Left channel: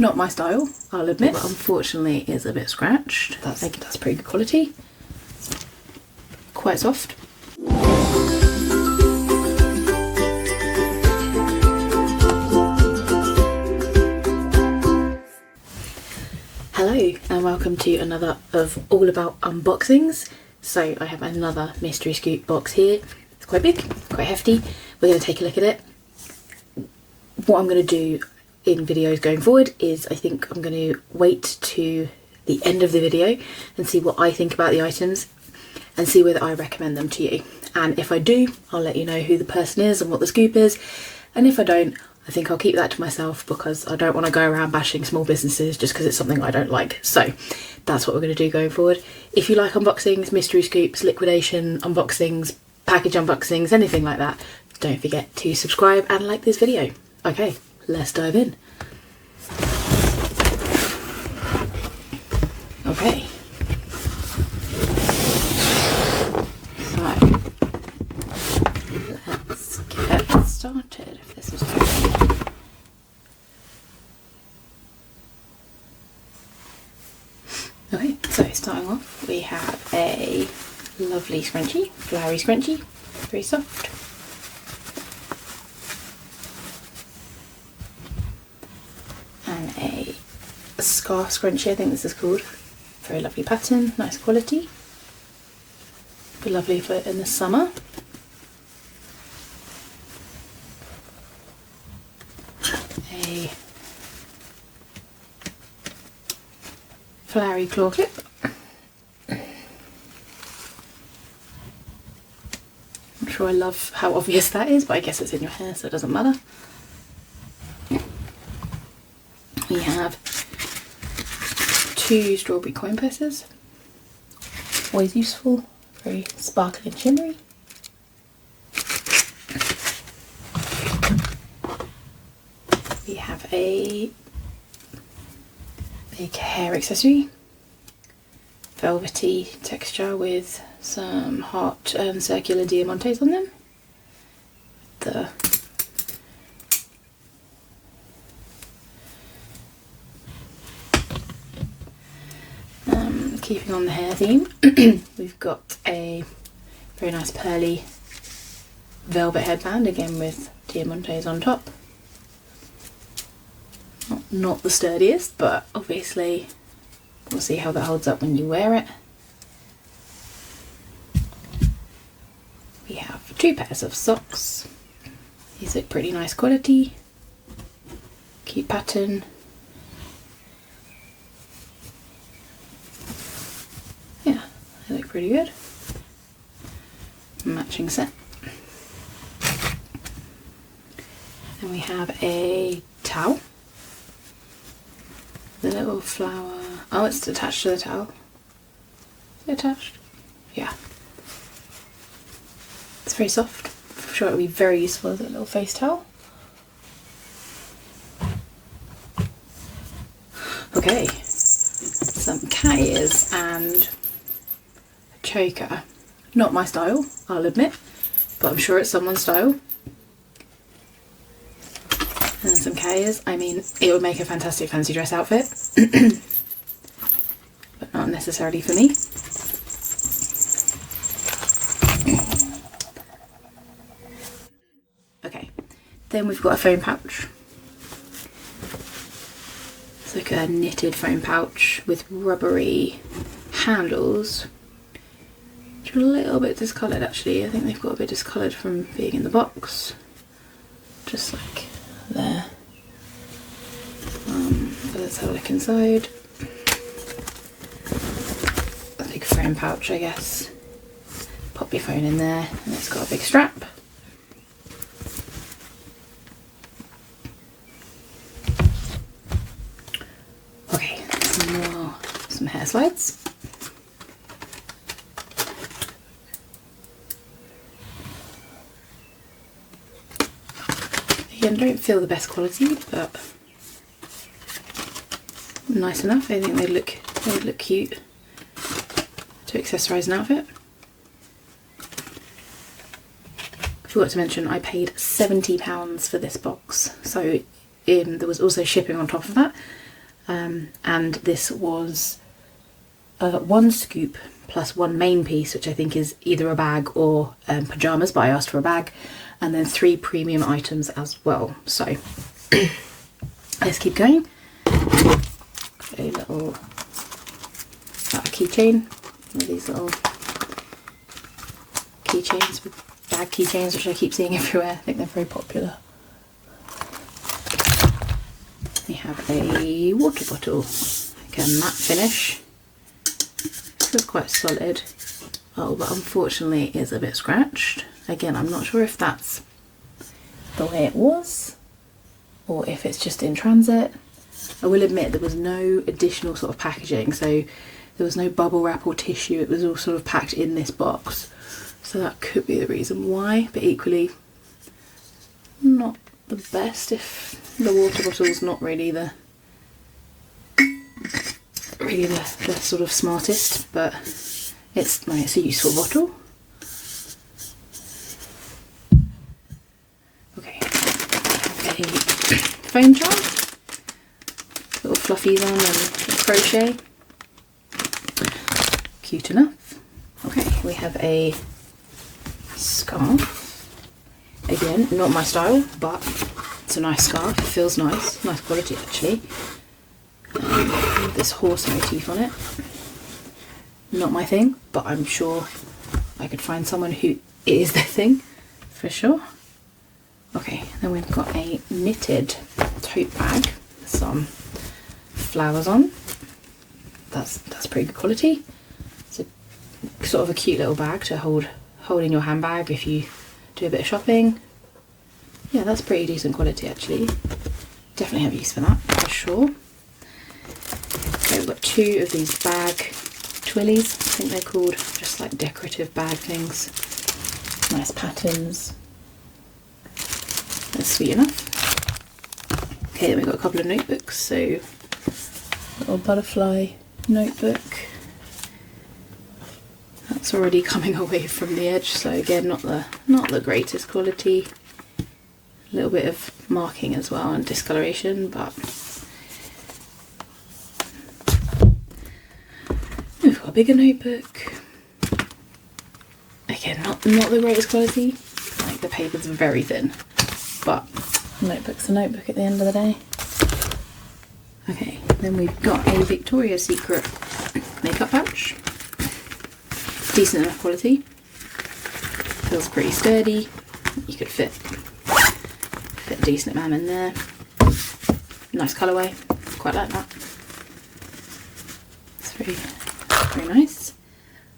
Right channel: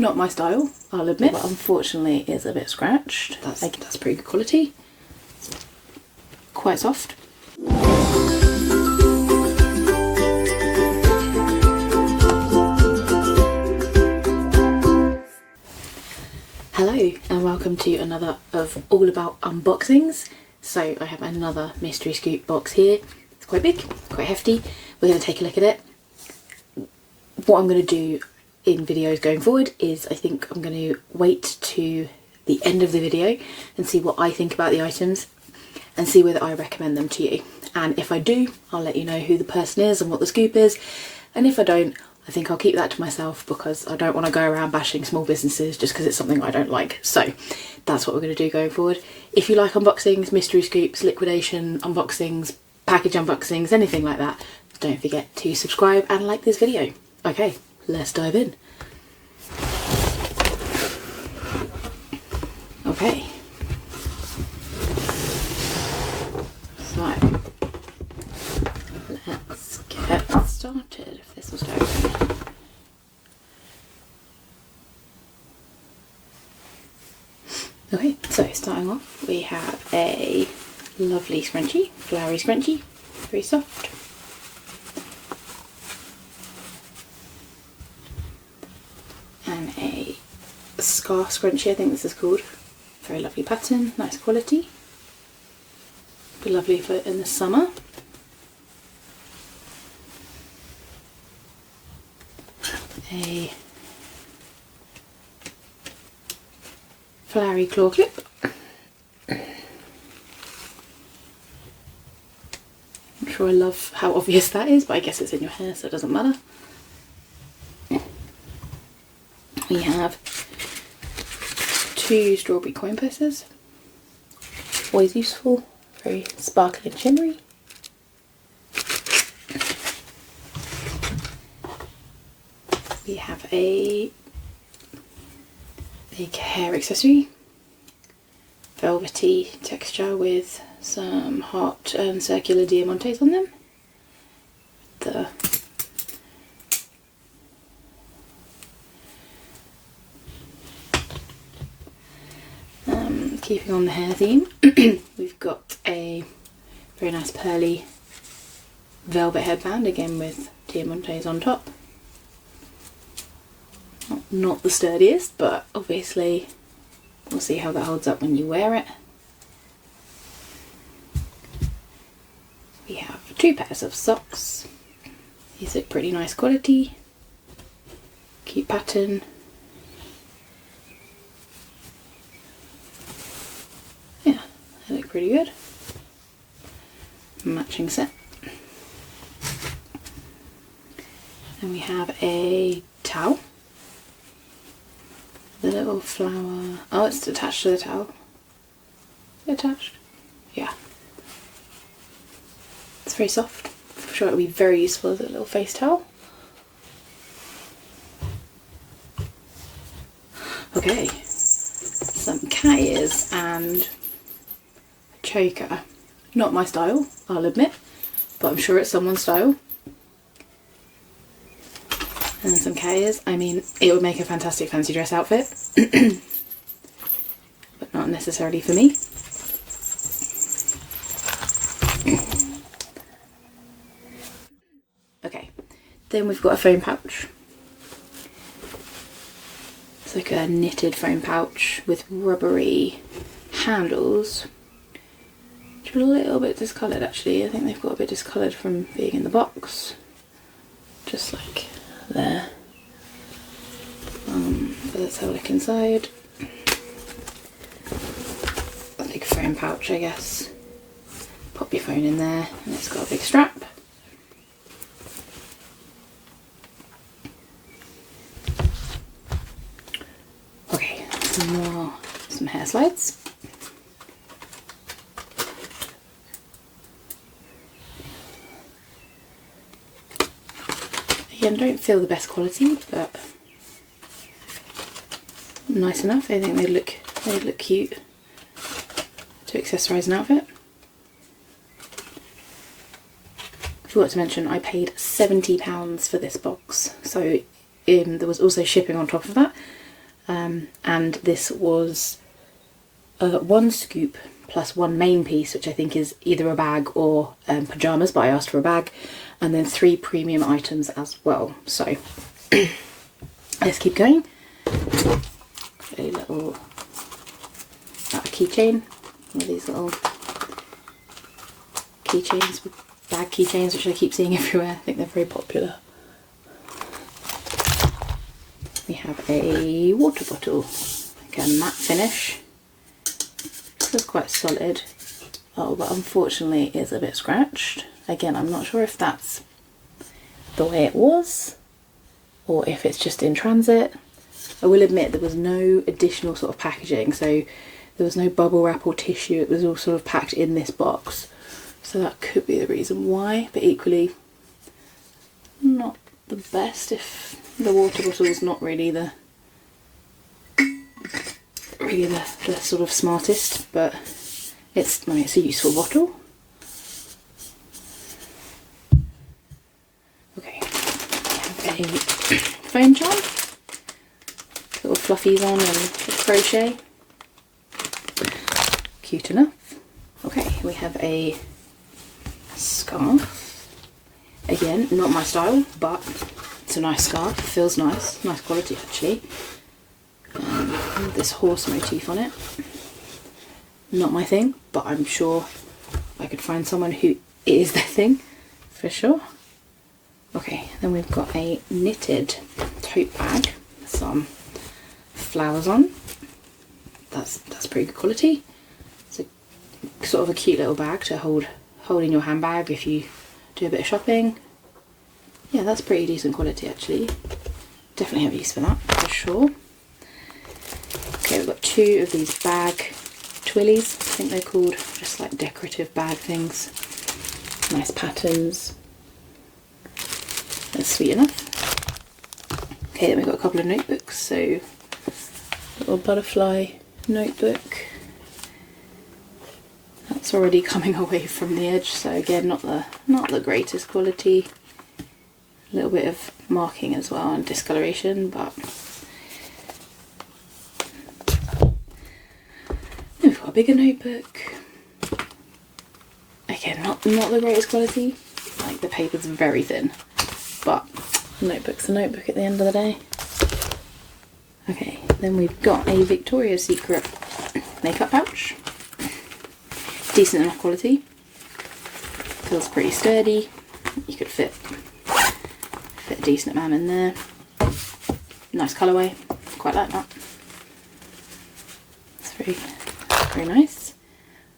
Not my style, I'll admit. But unfortunately it's a bit scratched. That's pretty good quality. Quite soft. Hello and welcome to another of All About Unboxings. So I have another mystery scoop box here. It's quite big, quite hefty. We're going to take a look at it. What I'm going to do in videos going forward is I think I'm going to wait to the end of the video and see what I think about the items and see whether I recommend them to you. And if I do, I'll let you know who the person is and what the scoop is. And if I don't, I think I'll keep that to myself because I don't want to go around bashing small businesses just because it's something I don't like. So that's what we're going to do going forward. If you like unboxings, mystery scoops, liquidation unboxings, package unboxings, anything like that, don't forget to subscribe and like this video. Okay, let's dive in. Okay. So let's get started if this was open. Okay, so starting off we have a lovely scrunchie, flowery scrunchie, very soft. And a scarf scrunchie, I think this is called. Very lovely pattern, nice quality. Be lovely for in the summer. A flowery claw clip. I'm not sure I love how obvious that is, but I guess it's in your hair so it doesn't matter. We have 2 strawberry coin purses. Always useful, very sparkly and shimmery. We have a big hair accessory, velvety texture with some heart and circular diamantes on them. Keeping on the hair theme, we've got a very nice pearly velvet headband, again with diamantes on top. Not the sturdiest, but obviously we'll see how that holds up when you wear it. We have 2 pairs of socks. These are pretty nice quality, cute pattern. Yeah, they look pretty good. Matching set. And we have a towel. The little flower. Oh, it's attached to the towel. Is it attached? Yeah. It's very soft. I'm sure it'll be very useful as a little face towel. Okay. Some cat ears and a choker. Not my style, I'll admit, but I'm sure it's someone's style. And some cat ears. I mean, it would make a fantastic fancy dress outfit, but not necessarily for me. Okay, then we've got a phone pouch. It's like a knitted phone pouch with rubbery handles, which are a little bit discoloured actually. I think they've got a bit discoloured from being in the box, just like there. But let's have a look inside. A big phone pouch, I guess. Pop your phone in there, and it's got a big strap. Okay, some hair slides. Again, don't feel the best quality, but nice enough. I think they look cute to accessorise an outfit. I forgot to mention I paid £70 for this box, so there was also shipping on top of that, and this was 1 scoop plus 1 main piece, which I think is either a bag or pyjamas, but I asked for a bag, and then 3 premium items as well. So let's keep going. A little keychain, one of these little keychains with bag keychains, which I keep seeing everywhere. I think they're very popular. We have a water bottle, like a matte finish. Feels quite solid. Oh, but unfortunately it's a bit scratched. Again, I'm not sure if that's the way it was or if it's just in transit. I will admit there was no additional sort of packaging, so there was no bubble wrap or tissue. It was all sort of packed in this box, so that could be the reason why, but equally not the best if the water bottle is not really the sort of smartest, but it's a useful bottle. Okay, a phone charm, little fluffies on and crochet, cute enough. Okay, we have a scarf, again not my style, but it's a nice scarf, it feels nice quality actually. This horse motif on it, not my thing, but I'm sure I could find someone who it is their thing for sure. Okay, then we've got a knitted tote bag with some flowers on. That's pretty good quality. It's a sort of a cute little bag to hold in your handbag if you do a bit of shopping. Yeah, that's pretty decent quality actually. Definitely have use for that for sure. Okay, we've got 2 of these bag twillies, I think they're called, just like decorative bag things. Nice patterns. That's sweet enough. Okay, then we've got a couple of notebooks, so a little butterfly notebook. That's already coming away from the edge, so again not the greatest quality. A little bit of marking as well and discoloration, but we've got a bigger notebook. Again, not the greatest quality. Like the paper's very thin, but notebook's a notebook at the end of the day. Okay, then we've got a Victoria's Secret makeup pouch. Decent enough quality. Feels pretty sturdy. You could fit a decent amount in there. Nice colourway. Quite like that. It's very nice.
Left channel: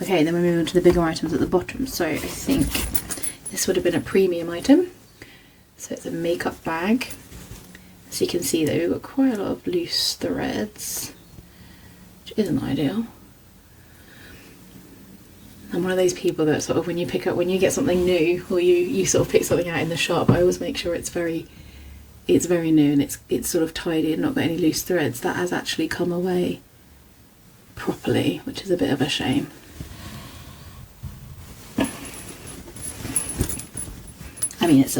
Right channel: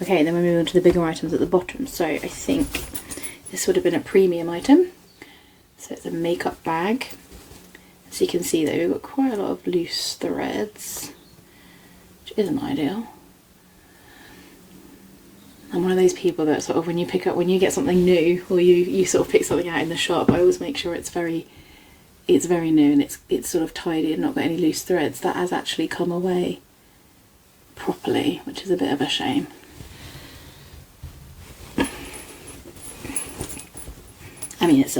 Okay, then we move on to the bigger items at the bottom. So I think this would have been a premium item. So it's a makeup bag. As you can see though, we've got quite a lot of loose threads, which isn't ideal. I'm one of those people that sort of when you get something new, or you sort of pick something out in the shop, I always make sure it's very new and it's sort of tidy and not got any loose threads. That has actually come away properly, which is a bit of a shame. I mean, it's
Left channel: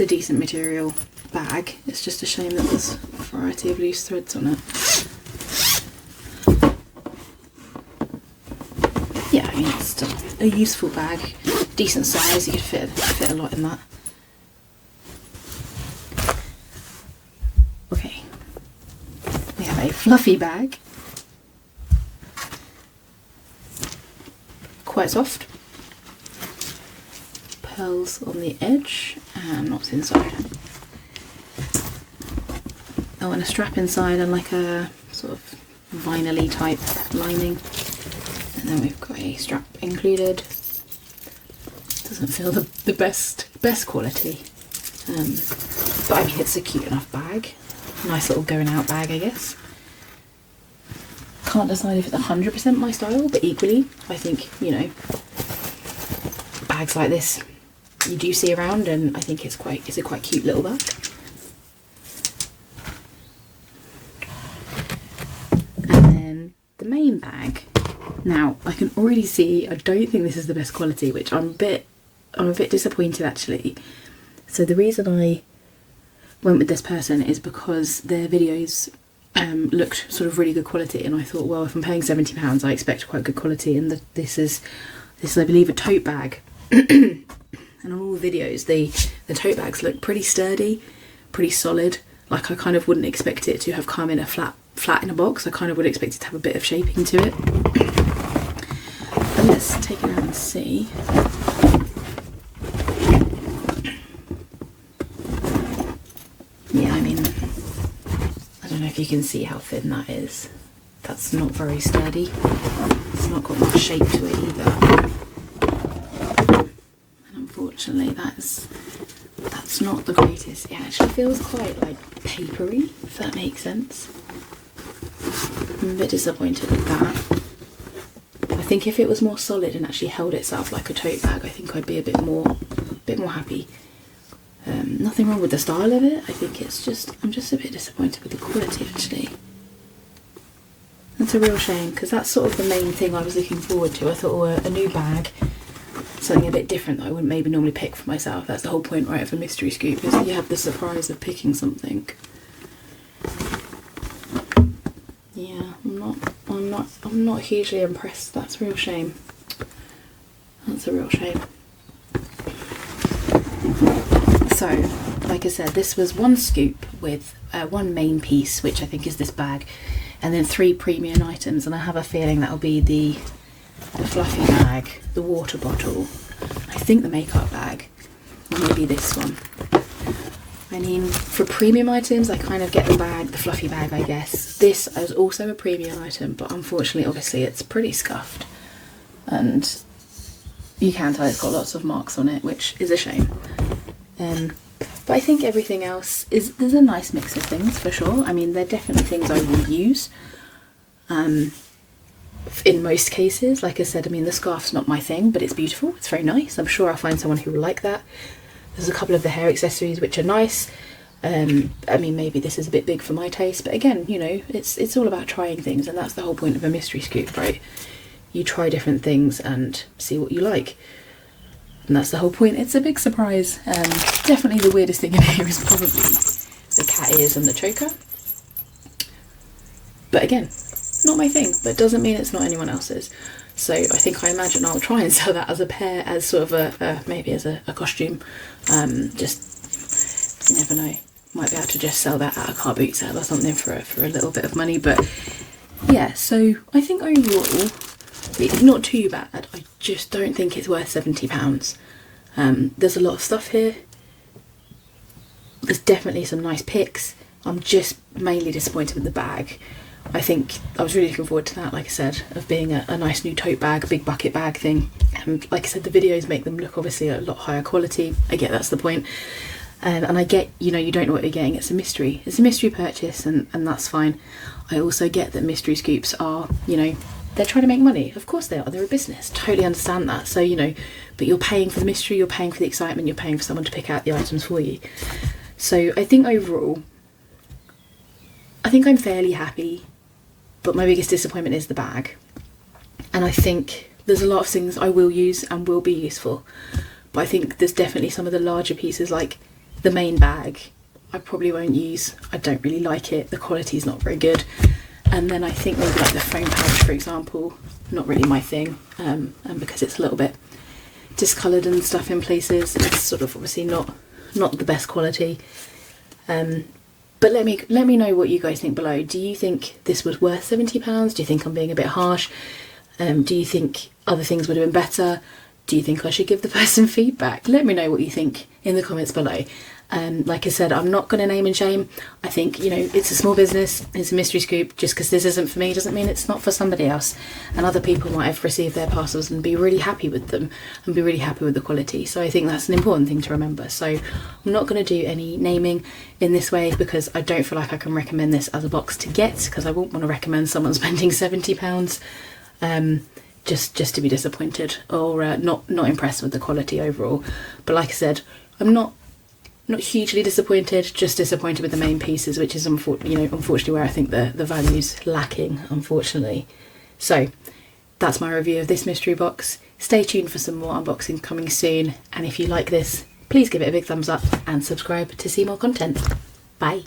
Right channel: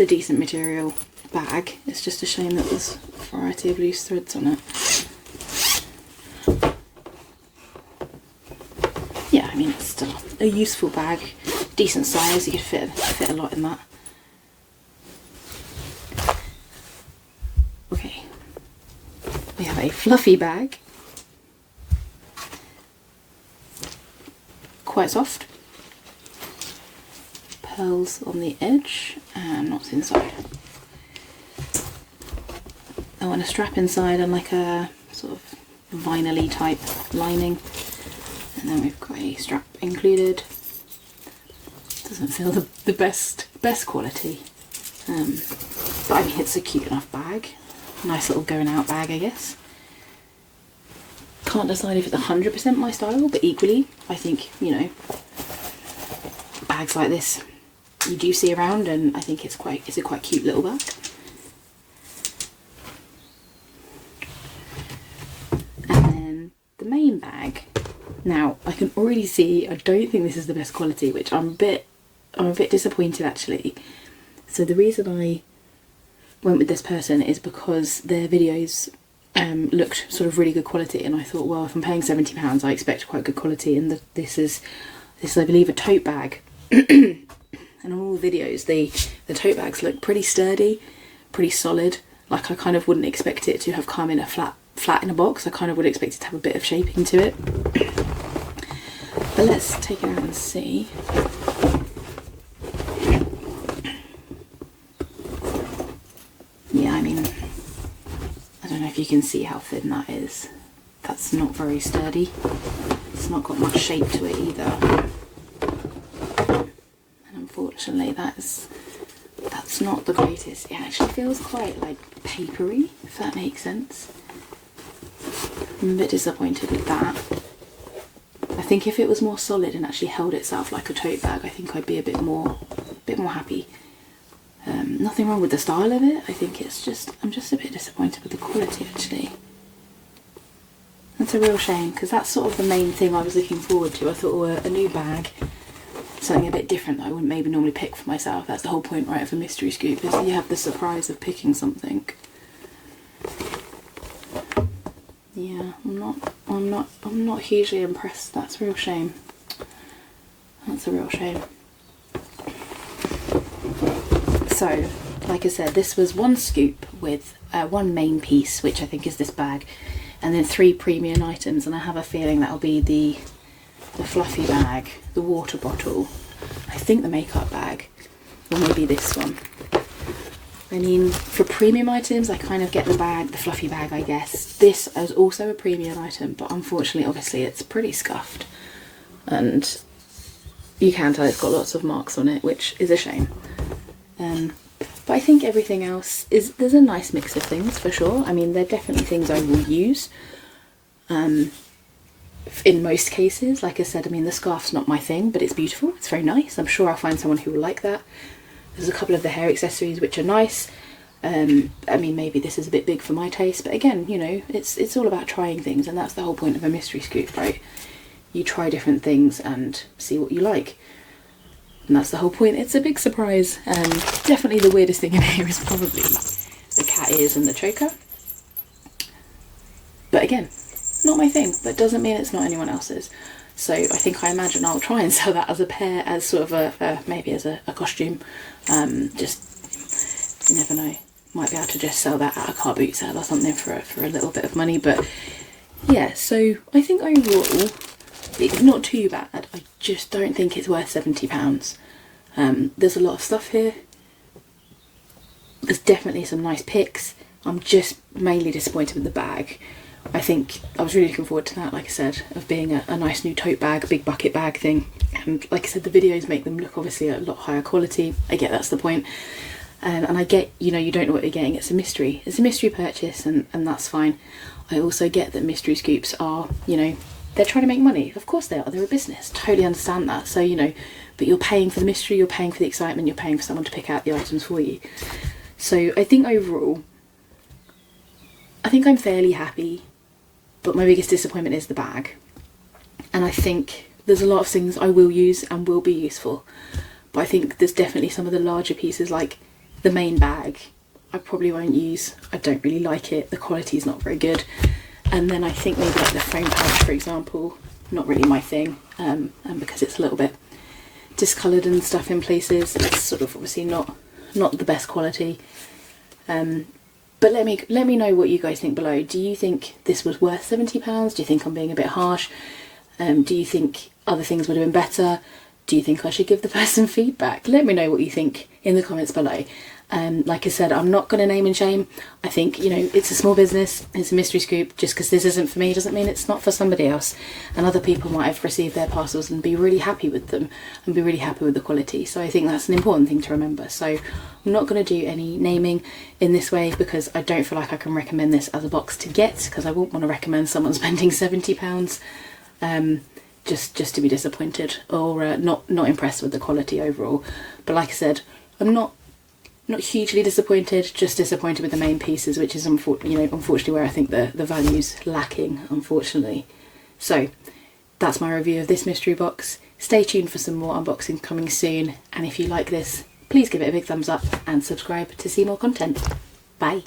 a decent material bag. It's just a shame that there's a variety of loose threads on it. Yeah, I mean, it's still a useful bag, decent size. You could fit a lot in that. Okay, we have a fluffy bag, quite soft. Pearls on the edge, and what's inside? Oh, and a strap inside and like a sort of vinyl-y type lining. And then we've got a strap included. Doesn't feel the best quality, but I mean it's a cute enough bag. Nice little going out bag, I guess. Can't decide if it's 100% my style, but equally I think, you know, bags like this you do see around, and I think it's a quite cute little bag. And then the main bag. Now I can already see I don't think this is the best quality, which I'm a bit disappointed actually. So the reason I went with this person is because their videos looked sort of really good quality, and I thought, well, if I'm paying £70, I expect quite good quality. And this is I believe a tote bag. And on all the videos, the tote bags look pretty sturdy, pretty solid. Like, I kind of wouldn't expect it to have come in a flat in a box. I kind of would expect it to have a bit of shaping to it. But let's take it out and see. Yeah, I mean, I don't know if you can see how thin that is. That's not very sturdy. It's not got much shape to it either. And unfortunately, that's not the greatest. It actually feels quite like papery, if that makes sense. I'm a bit disappointed with that. I think if it was more solid and actually held itself like a tote bag, I think I'd be a bit more happy. Nothing wrong with the style of it. I think I'm just a bit disappointed with the quality, actually. That's a real shame, because that's sort of the main thing I was looking forward to. I thought, oh, a new bag, something a bit different that I wouldn't maybe normally pick for myself. That's the whole point, right, of a mystery scoop, is that you have the surprise of picking something. Yeah, I'm not hugely impressed. That's a real shame. That's a real shame. So, like I said, this was one scoop with one main piece, which I think is this bag, and then 3 premium items, and I have a feeling that'll be the fluffy bag, the water bottle, I think the makeup bag, or maybe this one. I mean, for premium items, I kind of get the bag, the fluffy bag, I guess. This is also a premium item, but unfortunately, obviously, it's pretty scuffed, and you can tell it's got lots of marks on it, which is a shame. But I think everything else there's a nice mix of things, for sure. I mean, they're definitely things I will use. In most cases, like I said, I mean, the scarf's not my thing, but it's beautiful. It's very nice. I'm sure I'll find someone who will like that. There's a couple of the hair accessories which are nice. I mean, maybe this is a bit big for my taste, but again, you know, it's all about trying things, and that's the whole point of a mystery scoop, right? You try different things and see what you like. And that's the whole point. It's a big surprise. Definitely the weirdest thing in here is probably the cat ears and the choker. But again, not my thing, but doesn't mean it's not anyone else's. So I imagine I'll try and sell that as a pair, as sort of maybe as a costume. Just, you never know. Might be able to just sell that at a car boot sale or something for a little bit of money. But yeah, so I think overall, it's not too bad. I just don't think it's worth £70. There's a lot of stuff here. There's definitely some nice picks. I'm just mainly disappointed with the bag. I think I was really looking forward to that, like I said, of being a nice new tote bag, big bucket bag thing. And like I said, the videos make them look obviously a lot higher quality. I get that's the point. And I get, you know, you don't know what you're getting. It's a mystery. It's a mystery purchase, and that's fine. I also get that mystery scoops are, you know, they're trying to make money. Of course they are. They're a business. Totally understand that. So, you know, but you're paying for the mystery, you're paying for the excitement, you're paying for someone to pick out the items for you. So I think overall, I think I'm fairly happy, but my biggest disappointment is the bag. And I think there's a lot of things I will use and will be useful. But I think there's definitely some of the larger pieces, like the main bag, I probably won't use. I don't really like it. The quality is not very good. And then I think maybe like the phone pouch, for example, not really my thing, and because it's a little bit discoloured and stuff in places, it's sort of obviously not the best quality. But let me know what you guys think below. Do you think this was worth £70? Do you think I'm being a bit harsh? Do you think other things would have been better? Do you think I should give the person feedback? Let me know what you think in the comments below. Like I said, I'm not going to name and shame. I think, you know, it's a small business, it's a mystery scoop. Just because this isn't for me doesn't mean it's not for somebody else. And other people might have received their parcels and be really happy with them and be really happy with the quality. So I think that's an important thing to remember. So I'm not going to do any naming in this way because I don't feel like I can recommend this as a box to get, because I wouldn't want to recommend someone spending £70 just to be disappointed or not impressed with the quality overall. But like I said, I'm not hugely disappointed, just disappointed with the main pieces, which is unfortunately where I think the value's lacking, unfortunately. So that's my review of this mystery box. Stay tuned for some more unboxing coming soon, and if you like this, please give it a big thumbs up and subscribe to see more content. Bye.